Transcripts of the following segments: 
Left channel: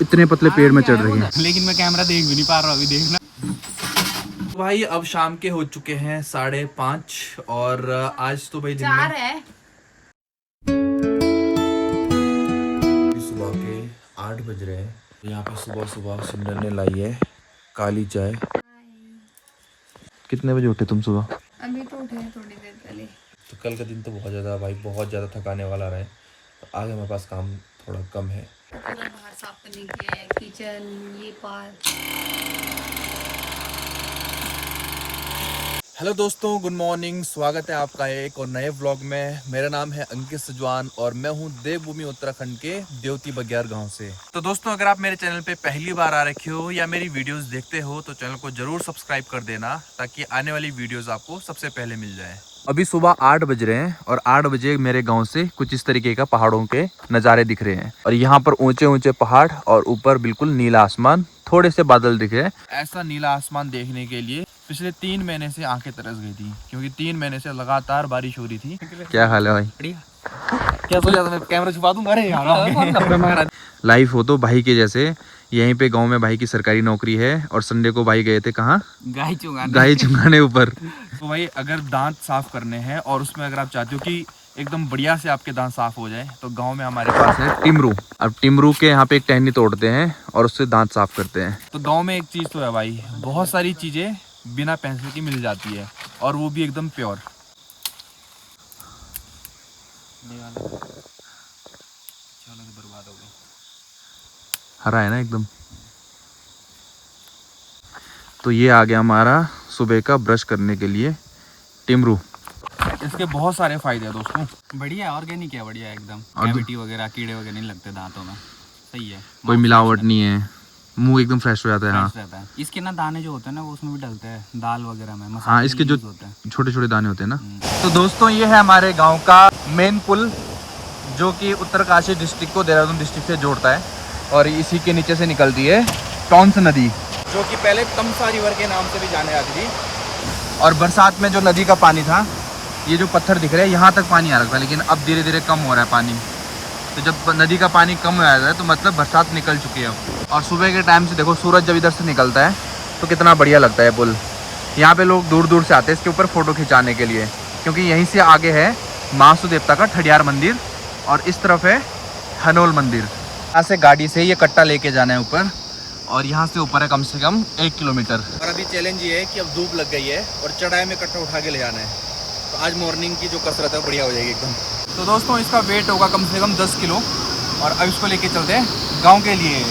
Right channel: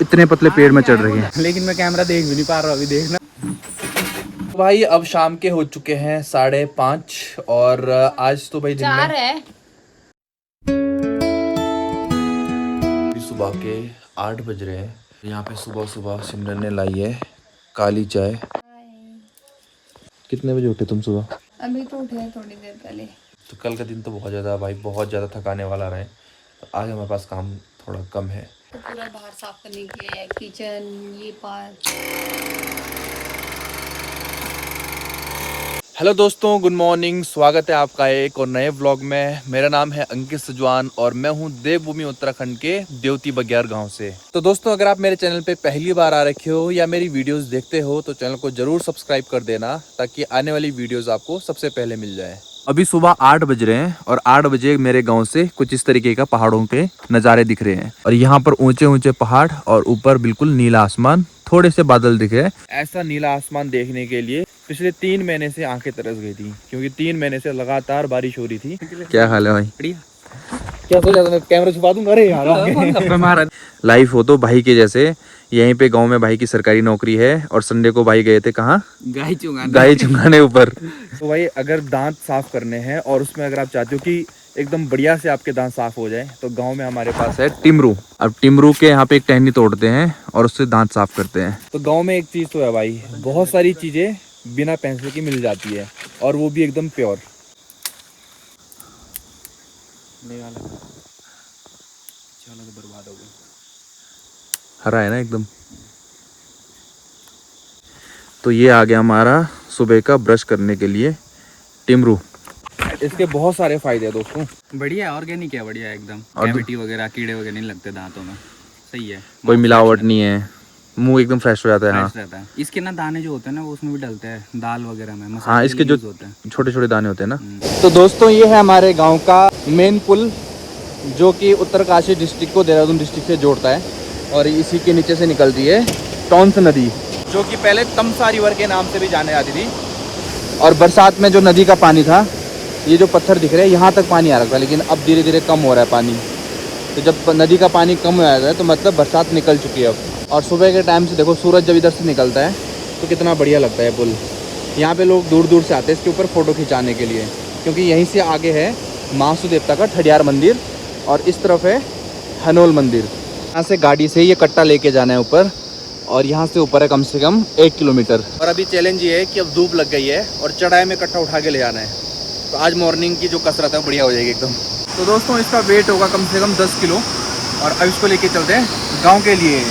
इतने पतले पेड़ में चढ़ रही है। लेकिन मैं कैमरा देख भी नहीं पा रहा हूँ अभी, देखना। भाई अब शाम के हो चुके हैं 5:30 और आज तो भाई दिन में सुबह के 8 बज रहे हैं। यहाँ पे सुबह सुबह सिमरन ने लाई है काली चाय। कितने बजे उठे तुम सुबह? अभी तो उठे हैं थोड़ी देर पहले। तो कल का दिन तो बहुत ज़्यादा भाई, बहुत ज़्यादा थकाने वाला रहे। तो आज हमारे पास काम थोड़ा कम है। तो पूरा बाहर साफ करने के लिए किचन, ये पार्क। हेलो दोस्तों, गुड मॉर्निंग। स्वागत है आपका एक और नए व्लॉग में। मेरा नाम है अंकित सुजवान और मैं हूं देवभूमि उत्तराखंड के देवती बग्यार गांव से। तो दोस्तों, अगर आप मेरे चैनल पे पहली बार आ रखे हो या मेरी वीडियोस देखते हो तो चैनल को जरूर सब्सक्राइब कर देना, ताकि आने वाली वीडियोस आपको सबसे पहले मिल जाए। अभी सुबह 8 बज रहे हैं और 8 बजे मेरे गाँव से कुछ इस तरीके का पहाड़ों के नज़ारे दिख रहे हैं। और यहाँ पर ऊंचे ऊंचे पहाड़ और ऊपर बिल्कुल नीला आसमान, थोड़े से बादल दिख रहे हैं। ऐसा नीला आसमान देखने के लिए पिछले 3 महीने से आंखें तरस गई थी, क्योंकि 3 महीने से लगातार बारिश हो रही थी। क्या हाल है भाई? बढ़िया। क्या सोचा था मैं कैमरा छुपा दूंगा? अरे यार लाइफ हो तो भाई के जैसे। यहीं पे गांव में भाई की सरकारी नौकरी है और संडे को भाई गए थे कहाँ? गाय चुंगाने ऊपर। तो भाई अगर दांत साफ करने हैं और उसमें अगर आप चाहते हो कि एकदम बढ़िया से आपके दांत साफ हो जाए तो गांव में हमारे पास है टिमरू। अब टिमरू के यहाँ पे एक टहनी तोड़ते हैं और उससे दांत साफ करते हैं। तो गांव में एक चीज तो है भाई, बहुत सारी चीजें बिना पैसे की मिल जाती है और वो भी एकदम प्योर। बर्बाद हो गई। हरा है ना एकदम। तो ये आ गया हमारा सुबह का ब्रश करने के लिए टिमरू। इसके बहुत सारे फायदे हैं दोस्तों। बढ़िया, ऑर्गेनिक है, बढ़िया एकदम। और कैविटी वगैरह, कीड़े वगैरह नहीं लगते दांतों में। सही है, कोई मिलावट नहीं है, मुंह एकदम फ्रेश हो जाता है। हाँ, रहता है। इसके ना दाने जो होते हैं ना वो उसमें भी डलते हैं, दाल वगैरह में। हाँ, इसके जो होते हैं छोटे छोटे दाने होते हैं ना। तो दोस्तों, ये है हमारे गांव का मेन पुल, जो कि उत्तरकाशी डिस्ट्रिक्ट को देहरादून डिस्ट्रिक्ट से जोड़ता है। और इसी के नीचे से निकलती है टॉन्स नदी, जो कि पहले तमसा रिवर के नाम से भी जाने आती थी। और बरसात में जो नदी का पानी था, ये जो पत्थर दिख रहे हैं यहाँ तक पानी आ रहा था, लेकिन अब धीरे धीरे कम हो रहा है पानी। तो जब नदी का पानी कम हो जाता है तो मतलब बरसात निकल चुकी है अब। और सुबह के टाइम से देखो, सूरज जब इधर से निकलता है तो कितना बढ़िया लगता है पुल। यहाँ पे लोग दूर दूर से आते हैं इसके ऊपर फ़ोटो खिंचाने के लिए, क्योंकि यहीं से आगे है महासू देवता का ठडियार मंदिर और इस तरफ है हनोल मंदिर। यहाँ से गाड़ी से ये कट्टा लेके जाना है ऊपर, और यहाँ से ऊपर है कम से कम 1 किलोमीटर। और अभी चैलेंज ये है कि अब धूप लग गई है और चढ़ाई में कट्टा उठा के ले जाना है। तो आज मॉर्निंग की जो कसरत है बढ़िया हो जाएगी एकदम। तो दोस्तों, इसका वेट होगा कम से कम 10 किलो और अब इसको लेके चलते हैं गांव के लिए।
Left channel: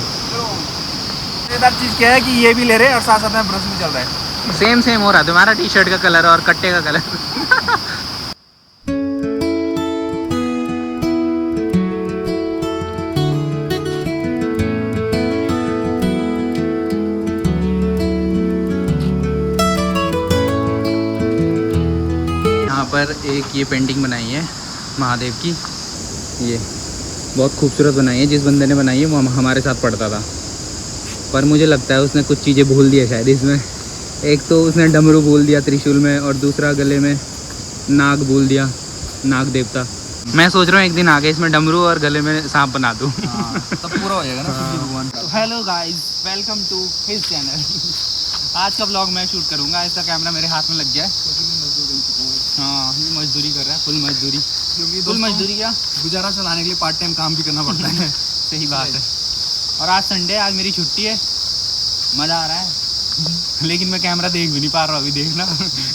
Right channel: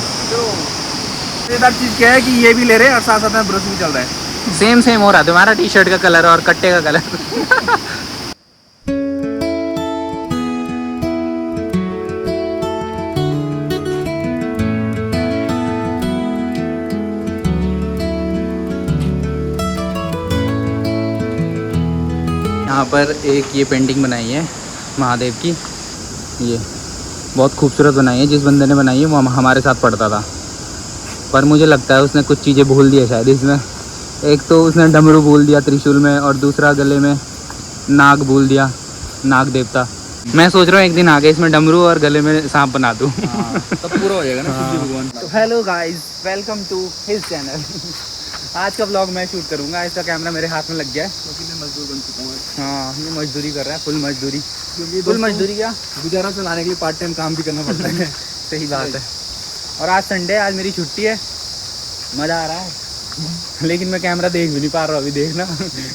मजेदार चीज़ क्या है कि ये भी ले रहे हैं और साथ साथ में ब्रश भी चल रहा है। सेम सेम हो रहा है तुम्हारा टी शर्ट का कलर और कट्टे का कलर। यहाँ पर एक ये पेंटिंग बनाई है महादेव की, ये बहुत खूबसूरत बनाई है। जिस बंदे ने बनाई है वो हमारे साथ पढ़ता था, पर मुझे लगता है उसने कुछ चीज़ें भूल दी है शायद इसमें। एक तो उसने डमरू भूल दिया त्रिशूल में, और दूसरा गले में नाग भूल दिया, नाग देवता। मैं सोच रहा हूँ एक दिन आगे इसमें डमरू और गले में सांप बना दूँ। तब पूरा हो जाएगा ना शिव जी भगवान। तो hello guys, welcome to his channel. आज का ब्लॉग मैं शूट करूँगा। इसका कैमरा मेरे हाथ में लग गया है क्योंकि मैं मजदूर बन चुका हूँ। हाँ, ये मजदूरी कर रहा है, फुल मजदूरी। क्योंकि फुल मजदूरी क्या, गुजारा चलाने के लिए पार्ट टाइम काम भी करना पड़ता है। सही बात है। और आज संडे, आज मेरी छुट्टी है, मज़ा आ रहा है। लेकिन मैं कैमरा देख भी नहीं पा रहा हूँ अभी, देखना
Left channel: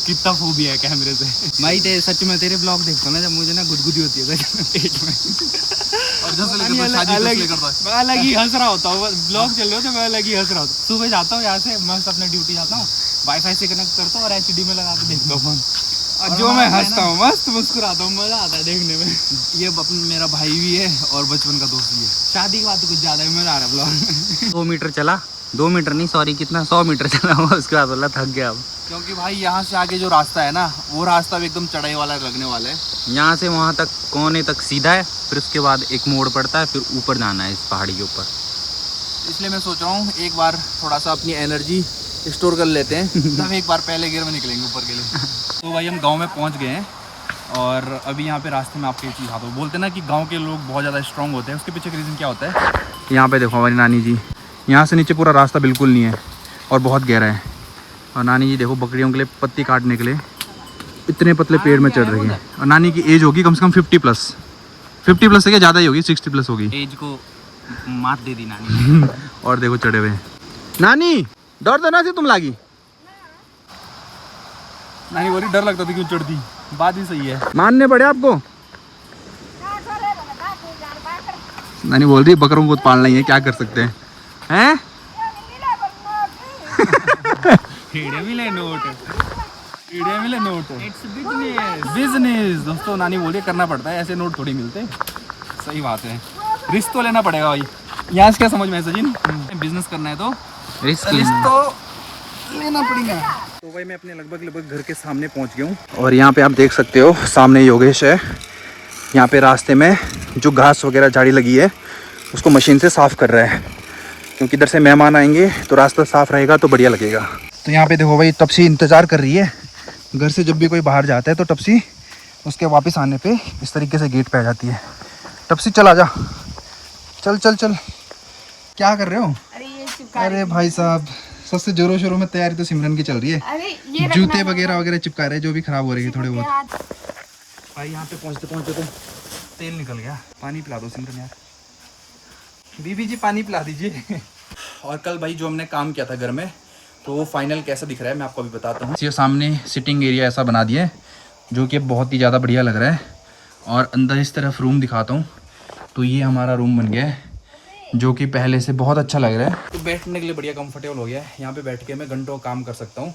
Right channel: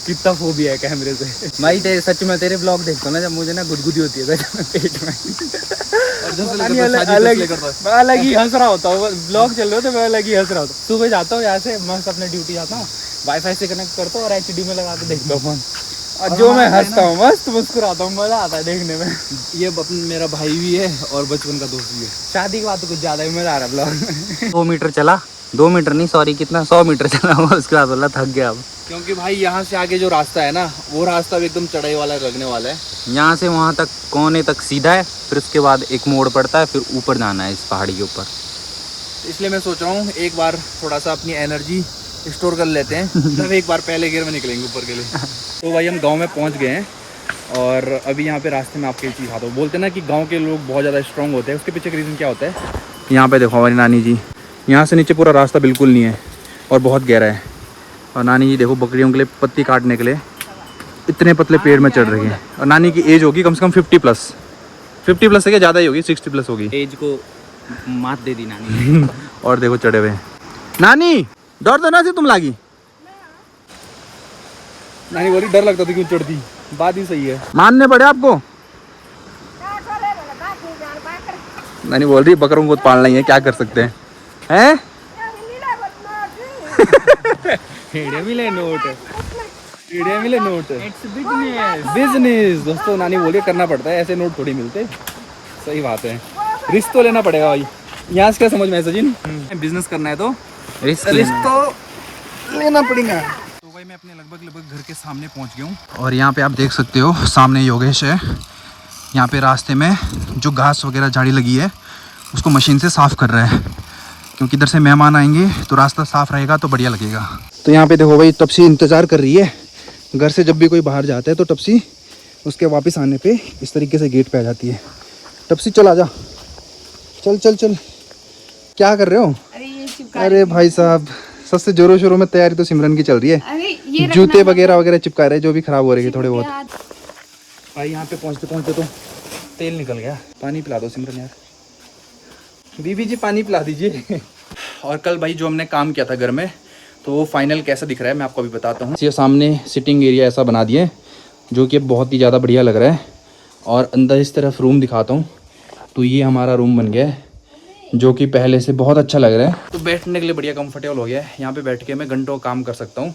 कितना फोबिया है कैमरे से। भाई सच में तेरे ब्लॉग देखता हूँ ना, जब मुझे ना गुदगुदी होती है पेट में, और अलग ही हंस रहा होता हूँ। ब्लॉग चल रहे हो तो मैं अलग ही हंस रहा होता हूँ। सुबह जाता हूँ यहाँ से, मस्त अपने ड्यूटी जाता हूँ, वाईफाई से कनेक्ट करता हूँ और HD में लगा के देखता हूँ। और जो मैं हंसता हूँ, मस्त मुस्कुराता हूँ, मजा आता है देखने में। ये मेरा भाई भी है और बचपन का दोस्त भी है। शादी की बात तो कुछ ज्यादा ही मजा आ रहा है ब्लॉग में। 2 मीटर चला, 2 मीटर नहीं सॉरी, कितना 100 मीटर चला हुआ, उसके बाद बोला थक गया अब। क्योंकि भाई यहाँ से आगे जो रास्ता है ना, वो रास्ता भी एकदम चढ़ाई वाला लगने वाला है। यहाँ से वहाँ तक कोने तक सीधा है, फिर उसके बाद एक मोड़ पड़ता है, फिर ऊपर जाना है इस पहाड़ी के ऊपर। इसलिए मैं सोच रहा हूँ एक बार थोड़ा सा अपनी एनर्जी स्टोर कर लेते हैं, तब एक बार पहले गियर में निकलेंगे ऊपर के लिए। तो भाई हम गांव में पहुंच गए हैं और अभी यहाँ पे रास्ते में आपके चीज़ खाता हूँ। बोलते हैं ना कि गांव के लोग बहुत ज़्यादा स्ट्रॉन्ग होते हैं, उसके पीछे का रीज़न क्या होता है? यहाँ पे देखो हमारी नानी जी, यहाँ से नीचे पूरा रास्ता बिल्कुल नहीं है और बहुत गहरा है। और नानी जी देखो बकरियों के लिए पत्ती काटने के लिए इतने पतले पेड़ में चढ़ रही है। और नानी की एज होगी कम से कम 50 प्लस है, क्या ज़्यादा ही होगी, 60 प्लस होगी। एज को मात दे दी नानी। और देखो चढ़े हुए। नानी डर तो ना से तुम लागी? नानी बोली डर लगता था क्यों चढ़ती, बात ही सही है। मानने पड़े आपको। नानी बोल रही बकरों को पालना ही है, क्या कर सकते हैं? हैं? मिले नोट, मिले नोट। It's business. बिजनेस दोस्तों, नानी बोलिए करना पड़ता है, ऐसे नोट थोड़ी मिलते। सही बात है, रिस्क तो लेना पड़ेगा भाई। यहाँ से क्या समझ में है सचिन, बिजनेस करना है तो रिस्क तो लेना पड़ेगा। तो भाई मैं अपने लगभग घर के सामने पहुँच गया हूँ और यहाँ पे आप देख सकते हो सामने योगेश है। यहाँ पे रास्ते में जो घास वगैरह झाड़ी लगी है उसको मशीन से साफ़ कर रहा है, क्योंकि इधर से मेहमान आएंगे तो रास्ता साफ़ रहेगा तो बढ़िया लगेगा। तो यहाँ पे देखो भाई टपसी इंतज़ार कर रही है। घर से जब भी कोई बाहर जाता है तो टपसी उसके वापस आने पे इस तरीके से गेट पे आ जाती है। टपसी चल आ जा, चल चल चल। क्या कर रहे हो? अरे भाई साहब, सबसे जोरों शोरों में तैयारी तो सिमरन की चल रही है। जूते वगैरह चिपका रहे हैं जो भी खराब हो रही है थोड़े बहुत। भाई यहाँ पे पहुँचते पहुँचते तो तेल निकल गया। पानी पिला दो सिमरन यार, बीबी जी पानी पिला दीजिए। और कल भाई जो हमने काम किया था घर में, तो वो फाइनल कैसा दिख रहा है मैं आपको अभी बताता हूँ। ये सामने सिटिंग एरिया ऐसा बना दिया है जो कि बहुत ही ज़्यादा बढ़िया लग रहा है। और अंदर इस तरफ रूम दिखाता हूँ, तो ये हमारा रूम बन गया है जो कि पहले से बहुत अच्छा लग रहा है। तो बैठने के लिए बढ़िया कंफर्टेबल हो गया है। यहाँ पे बैठ के मैं घंटों काम कर सकता हूँ।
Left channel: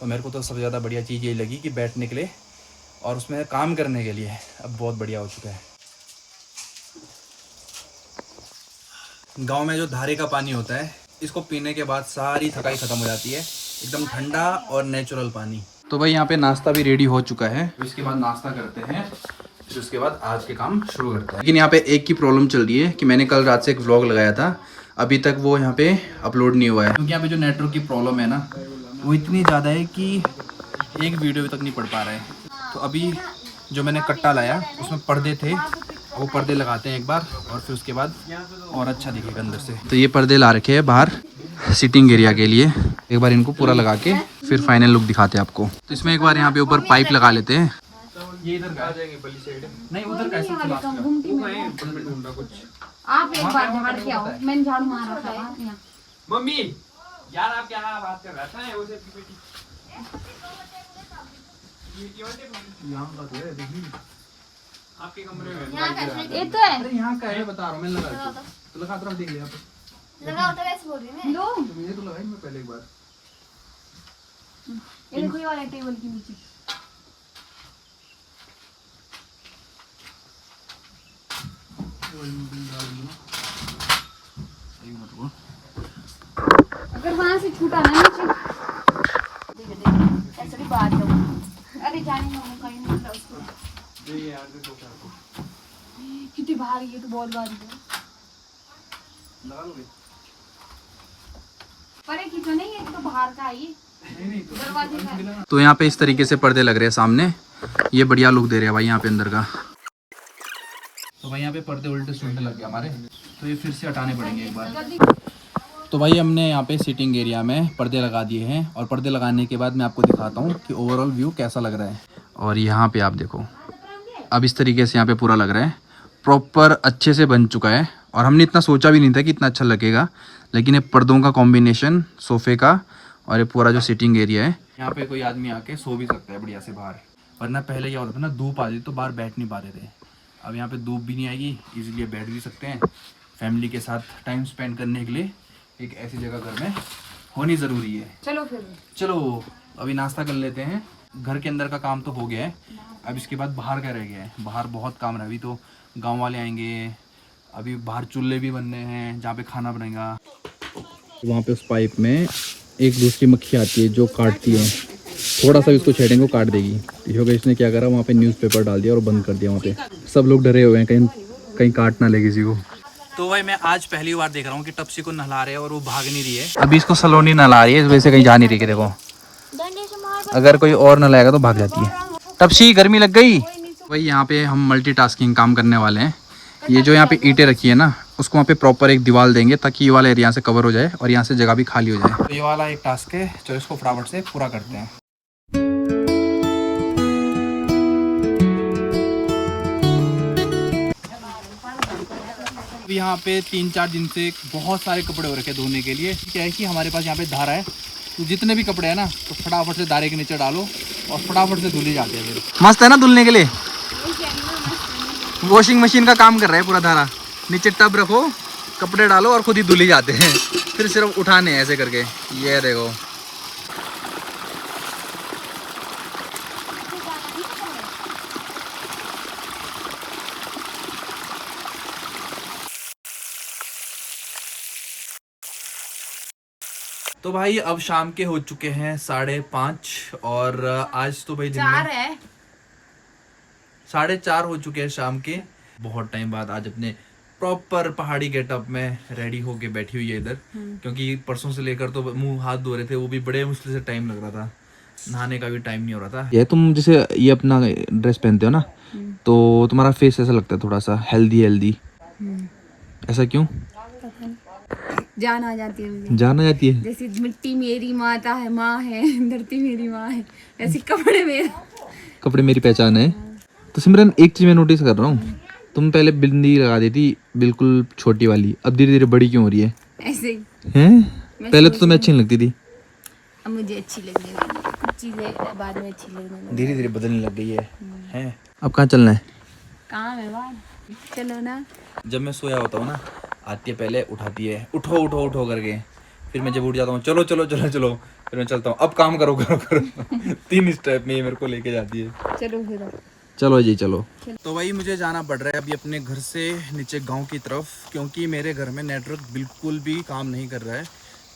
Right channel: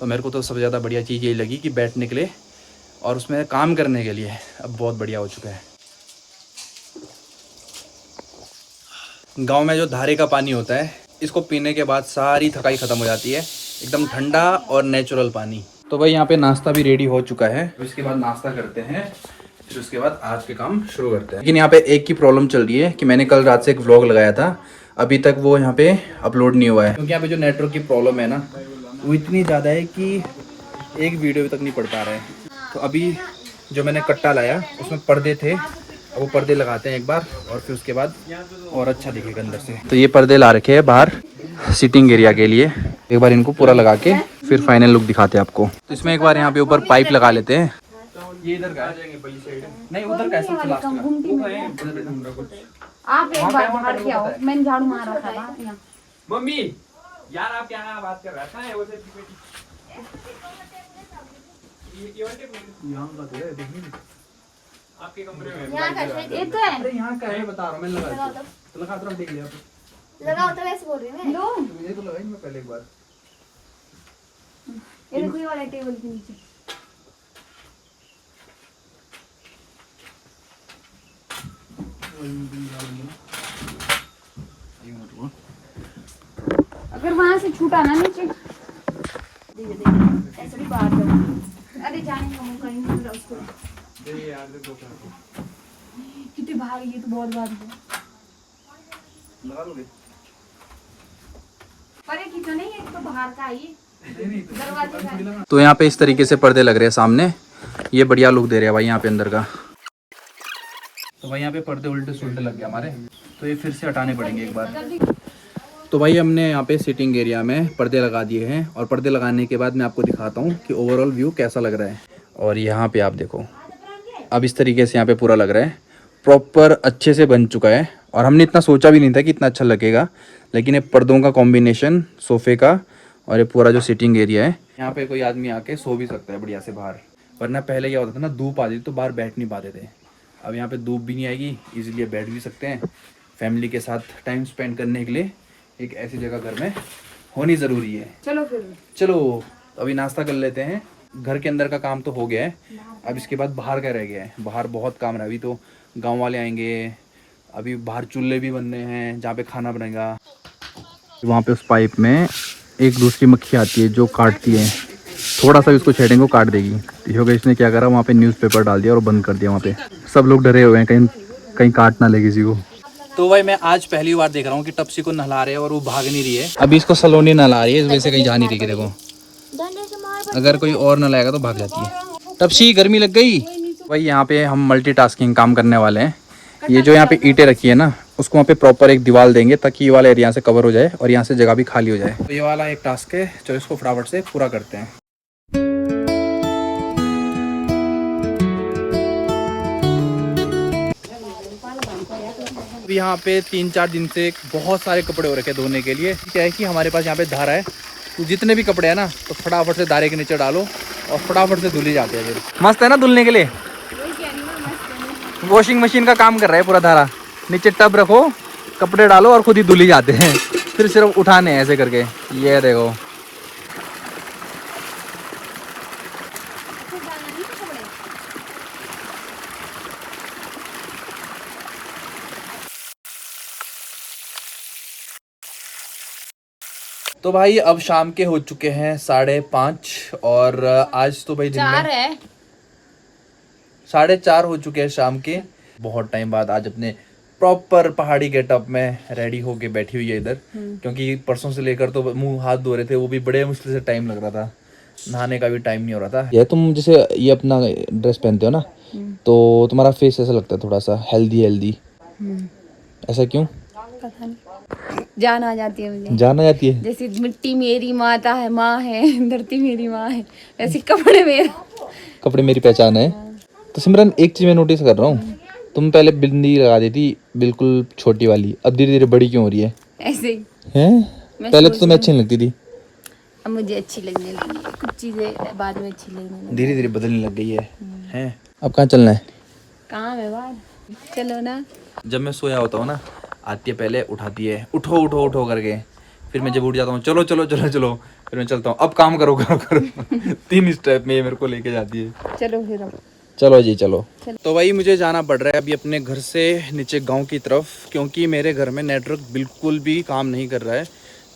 तो मेरे को तो सबसे ज़्यादा बढ़िया चीज़ यही लगी कि बैठने के लिए और उसमें काम करने के लिए अब बहुत बढ़िया हो चुका है। गांव में जो धारे का पानी होता है, इसको पीने के बाद सारी थकाई ख़त्म हो जाती है। एकदम ठंडा और नेचुरल पानी। तो भाई यहाँ पे नाश्ता भी रेडी हो चुका है। इसके बाद नाश्ता करते हैं, फिर उसके बाद आज के काम शुरू करते हैं। लेकिन यहाँ पे एक ही प्रॉब्लम चल रही है कि मैंने कल रात से एक व्लॉग लगाया था, अभी तक वो यहाँ पे अपलोड नहीं हुआ है, क्योंकि यहाँ पे जो नेटवर्क की प्रॉब्लम है ना, वो इतनी ज़्यादा है कि एक वीडियो तक नहीं पड़ पा रहा है। तो अभी जो मैंने कट्टा लाया उसमें पर्दे थे, वो पर्दे लगाते हैं एक बार और फिर उसके बाद और अच्छा दिखेगा अंदर से। तो ये पर्दे ला रखे हैं बाहर सिटिंग एरिया के लिए। एक बार इनको पूरा लगा के फिर फाइनल लुक दिखाते हैं आपको। तो इसमें एक बार यहाँ पे ऊपर पाइप लगा लेते हैं। ये इधर का नहीं, उधर का सबसे लास्ट का कुछ। आप एक बार बाहर से आओ, मैंने झाड़ू मारा था यहाँ। मम्मी यार आप क्या बात कर रहा था? वो से यहाँ का तो है, देखिए आपके कमरे में यहाँ का ये तो है। अरे यहाँ का है, बता रहा हूँ। मैंने लगा तो लगा तो देख लिया आप। लगाओ तो वैसे बोल रही है लो, ये तो लगाई मैं पहले एक बार इनको वाला टेबल के नीचे। अगर वहां से छूटा ना नीचे, ऐसे भी बात है। अरे जाने का मौका ही नहीं मिला उसको। कितनी भारी है, तो बहुत भारी है। अरे कितना नहीं, ये तो बाहर का है, दरवाजे का। तो यहाँ पे इस तरीके से पर्दे लग रहे हैं सामने, ये बढ़िया लुक दे रहे हैं भाई यहाँ पे अंदर का। तो भाई यहाँ पे पर्दे उल्टे सुल्टे लग गए हमारे, तो ये फिर से हटाने पड़ेंगे एक बार। तो भाई हमने यहाँ पे सिटिंग एरिया में पर्दे लगा दिए हैं और पर्दे लगाने के बाद मैं आपको दिखाता हूँ कि ओवरऑल व्यू कैसा लग रहा है। और यहाँ पे आप देखो, अब इस तरीके से यहाँ पे पूरा लग रहा है, प्रॉपर अच्छे से बन चुका है। और हमने इतना सोचा भी नहीं था कि इतना अच्छा लगेगा, लेकिन ये पर्दों का कॉम्बिनेशन, सोफे का और ये पूरा जो सिटिंग एरिया है, यहाँ पे कोई आदमी आके सो भी सकता है बढ़िया से बाहर। वरना पहले क्या होता था ना, धूप आती थी तो बाहर बैठ नहीं पाते थे। अब यहाँ पे धूप भी नहीं आएगी, इजीली बैठ भी सकते हैं। फैमिली के साथ टाइम स्पेंड करने के लिए एक ऐसी जगह घर में होनी ज़रूरी है। चलो फिर चलो अभी नाश्ता कर लेते हैं। घर के अंदर का काम तो हो गया है, अब इसके बाद बाहर का रह गया है। बाहर बहुत काम रहा है, अभी तो गांव वाले आएंगे, अभी बाहर चूल्हे भी बनने हैं जहाँ पे खाना बनेगा। वहाँ पे उस पाइप में एक दूसरी मक्खी आती है जो काटती है, थोड़ा सा उसको छेड़ेंगे वो काट देगी। योगेश ने क्या करा, वहाँ पे न्यूज़पेपर डाल दिया और बंद कर दिया। वहाँ पे सब लोग डरे हुए हैं कहीं काट ना ले किसी को। तो भाई मैं आज पहली बार देख रहा हूँ कि टपसी को नहला रहे हैं और वो भाग नहीं रही है। अभी इसको सलोनी नहला रही है, इस वजह से कहीं जा नहीं रही। देखो अगर कोई और नहलाएगा तो भाग जाती है। टपसी गर्मी लग गई? भाई यहाँ पे हम मल्टीटास्किंग काम करने वाले हैं। ये जो यहाँ पे ईंटें रखी है ना, उसको वहाँ पे प्रॉपर एक दीवार देंगे ताकि ये वाला एरिया से कवर हो जाए और यहाँ से जगह भी खाली हो जाए। तो ये वाला एक टास्क है, चलो इसको फटाफट से पूरा करते हैं। यहाँ पे 3-4 दिन से बहुत सारे कपड़े हो रखे हैं धोने के लिए। क्या है कि हमारे पास यहाँ पे धारा है, तो जितने भी कपड़े हैं ना तो फटाफट से धारे के नीचे डालो और फटाफट से धुल ही जाते हैं। फिर मस्त है ना धुलने के लिए। वॉशिंग मशीन का काम कर रहा है पूरा धारा। नीचे टब रखो, कपड़े डालो और खुद ही धुल ही जाते हैं। फिर सिर्फ उठाने हैं ऐसे करके। ये देखो तो भाई अब शाम के हो चुके हैं 5:30 और आज तो भाई दिन में 4:30 हो चुके हैं शाम के। बहुत टाइम बाद आज अपने प्रॉपर पहाड़ी गेटअप में रेडी होके बैठी हुई है इधर, क्योंकि परसों से लेकर तो मुंह हाथ धो रहे थे, वो भी बड़े मुश्किल से टाइम लग रहा था, नहाने का भी टाइम नहीं हो रहा था। ये तुम जैसे ये अपना ड्रेस पहनते हो ना, तो तुम्हारा फेस ऐसा लगता है थोड़ा सा हेल्दी। ऐसा क्यों? जान आ जाती है मुझे, जान आ जाती है। जैसे मिट्टी मेरी माता है, माँ है, धरती मेरी माँ है, ऐसे कपड़े मेरी पहचान है। तो सिमरन एक चीज मैं नोटिस कर रहा हूँ, तुम पहले बिंदी लगा दी थी बिल्कुल छोटी वाली, अब धीरे धीरे बड़ी क्यों हो रही है? ऐसे ही हैं? पहले तो तुम्हें अच्छी नहीं लगती थी, अब मुझे अच्छी लगने लगी है। कुछ चीजें बाद में अच्छी लगने लगी, धीरे धीरे बदलने लग गई है। हैं? अब कहाँ चलना है? काम है बाहर, चलो ना। जब मैं सोया होता हूँ ना, आती है पहले उठाती है, उठो उठो उठो करके। फिर मैं जब उठ जाता हूँ, चलो चलो चलो चलो, फिर मैं चलता हूँ, अब काम करो करो करो। 3 स्टेप में ये मेरे को लेके जाती है। चलो फिर अब चलो जी चलो। तो भाई मुझे जाना पड़ रहा है अभी अपने घर से नीचे गांव की तरफ, क्योंकि मेरे घर में नेटवर्क बिल्कुल भी काम नहीं कर रहा है।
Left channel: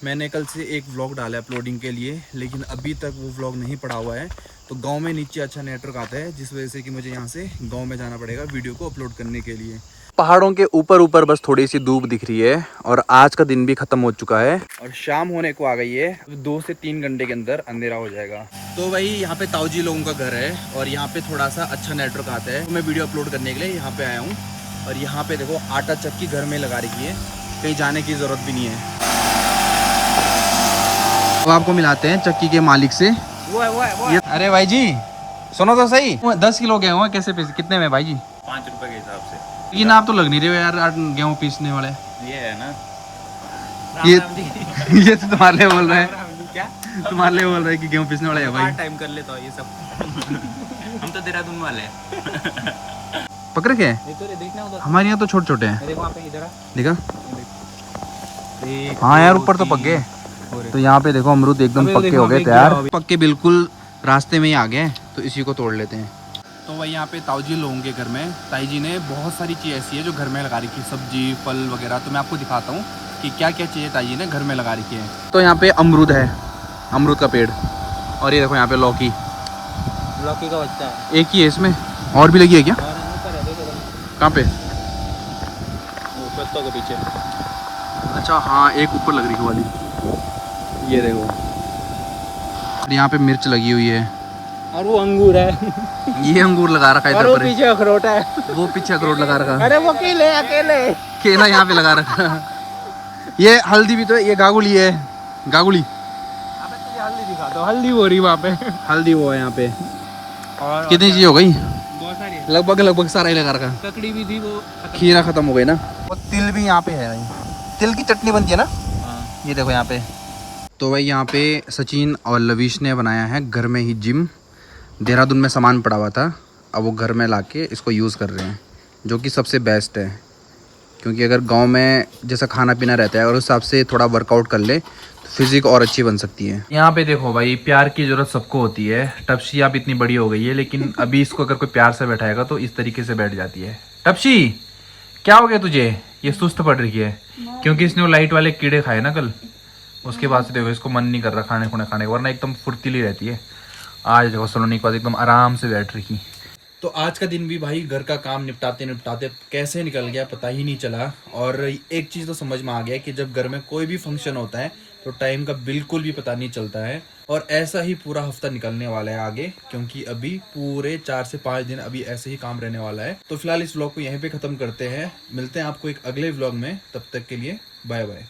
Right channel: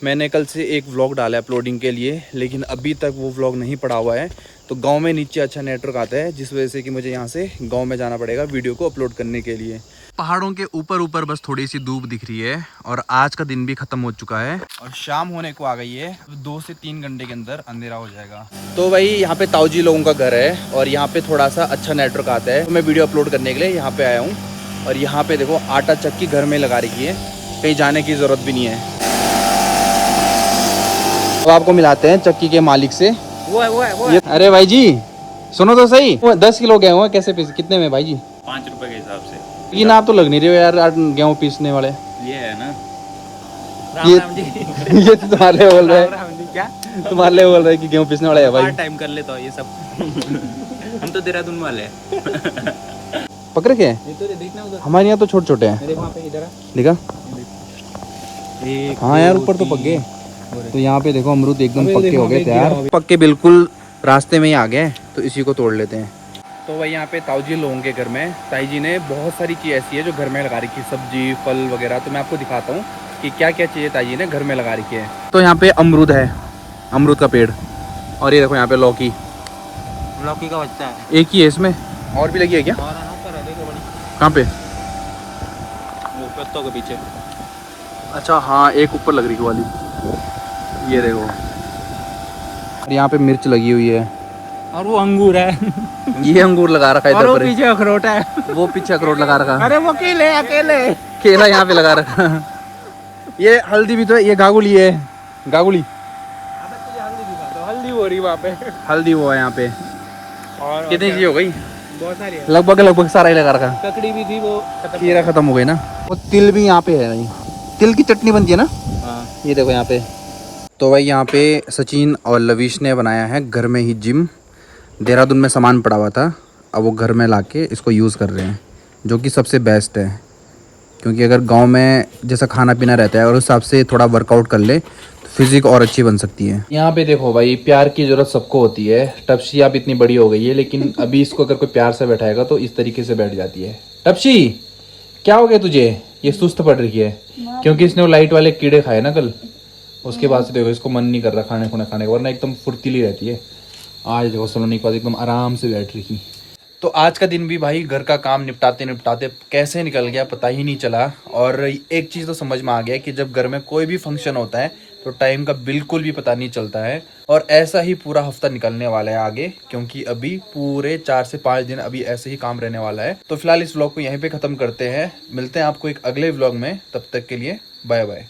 मैंने कल से एक व्लॉग डाला है अपलोडिंग के लिए, लेकिन अभी तक वो व्लॉग नहीं पड़ा हुआ है। तो गांव में नीचे अच्छा नेटवर्क आता है, जिस वजह से कि मुझे यहाँ से गांव में जाना पड़ेगा वीडियो को अपलोड करने के लिए। पहाड़ों के ऊपर ऊपर बस थोड़ी सी धूप दिख रही है और आज का दिन भी खत्म हो चुका है और शाम होने को आ गई है। 2 से 3 घंटे के अंदर अंधेरा हो जाएगा। तो भाई यहाँ पे ताऊजी लोगों का घर है और यहाँ पे थोड़ा सा अच्छा नेटवर्क आता है, तो मैं वीडियो अपलोड करने के लिए यहाँ पे आया हूँ। और यहाँ पे देखो आटा चक्की घर में लगा रखी है, कहीं जाने की जरूरत भी नहीं है। तो आपको मिलाते हैं चक्की के मालिक से। वो है। अरे भाई जी सुनो तो सही, 10 किलो गेहूँ है, कैसे पैसे कितने में भाई जी? 5 रुपए के हिसाब से। ये ना आप तो लग नहीं रहे हो यार गेहूँ पीसने वाले। ये है ना, ये तो तुम्हारे लिए बोल रहे हैं, क्या तुम्हारे लिए बोल रहे हैं कि गेहूँ पीसने वाला है भाई। टाइम कर लेता हूँ ये सब। हम तो देहरादून वाले हैं। पकड़ के देखना उधर, हमारे यहाँ तो छोटे छोटे हैं। देख वहाँ पे इधर देखा? हाँ यार ऊपर तो पक गए। तो यहाँ पे देखो अमरूद एकदम पक्के हो गए तैयार, पक्के बिल्कुल रास्ते में ही आ गए। तो इसी को तोड़ लेते हैं। तो भाई यहाँ पे ताऊजी लोगों के घर में ताई जी ने बहुत सारी चीज़ ऐसी है जो घर में लगा रखी है, सब्जी फल वगैरह। तो मैं आपको दिखाता हूँ कि क्या क्या चीज़ें ताई जी ने घर में लगा रखी है। तो यहाँ पे अमरूद है, अमरूद का पेड़, और ये देखो यहाँ पे लौकी का बच्चा है। एक ही है इसमें, और भी लगी है क्या? कहाँ पे? पत्तों के पीछे। अच्छा हाँ, एक ऊपर लग रही है वाली, ये देखो। और यहाँ पे मिर्च लगी हुई है, और वो अंगूर है। ये अंगूर लगा रखा है इधर पर, पीछे अखरोट है, वो पीछे अखरोट लगा रखा। अरे वो अकेले केला यहाँ पे लगा रखा। ये हल्दी भी तो है, ये गागुली है, गागुली। हल्दी दिखा दो, हल्दी हो रही वहाँ पे। हल्दी वो है यहाँ पे। और कितनी चीज हो गई? बहुत सारी है, लगभग सारा ही लगा रखा। ककड़ी भी थी, वो खीरा खत्म हो गई ना। वो तिल भी यहाँ पे है भाई, तिल की चटनी बनती है ना। हाँ। ये देखो यहाँ पे। तो भाई यहाँ पे सचिन और लवीश ने बनाया है घर में ही जिम। देहरादून में सामान पड़ा हुआ था, अब वो घर में लाके इसको यूज़ कर रहे हैं, जो कि सबसे बेस्ट है। क्योंकि अगर गांव में जैसा खाना पीना रहता है और उस हिसाब से थोड़ा वर्कआउट कर ले तो फिजिक और अच्छी बन सकती है। यहाँ पे देखो भाई, प्यार की ज़रूरत सबको होती है। टपसी अब इतनी बड़ी हो गई है, लेकिन अभी इसको अगर कोई प्यार से बैठाएगा तो इस तरीके से बैठ जाती है। टपसी क्या हो गया तुझे? ये सुस्त पड़ रही है क्योंकि इसने वो लाइट वाले कीड़े खाए ना कल, उसके बाद से देखो इसको मन नहीं कर रहा खाने खुने खाने का, वरना एकदम फुर्तीली रहती है। आज देखो सलोनी के पास एकदम आराम से बैठ रही। तो आज का दिन भी भाई घर का काम निपटाते निपटाते कैसे निकल गया पता ही नहीं चला। और एक चीज़ तो समझ में आ गया कि जब घर में कोई भी फंक्शन होता है तो टाइम का बिल्कुल भी पता नहीं चलता है। और ऐसा ही पूरा हफ्ता निकलने वाला है आगे, क्योंकि अभी पूरे 4 से 5 दिन अभी ऐसे ही काम रहने वाला है। तो फिलहाल इस व्लॉग को यहीं पे खत्म करते हैं, मिलते हैं आपको एक अगले व्लॉग में, तब तक के लिए बाय बाय।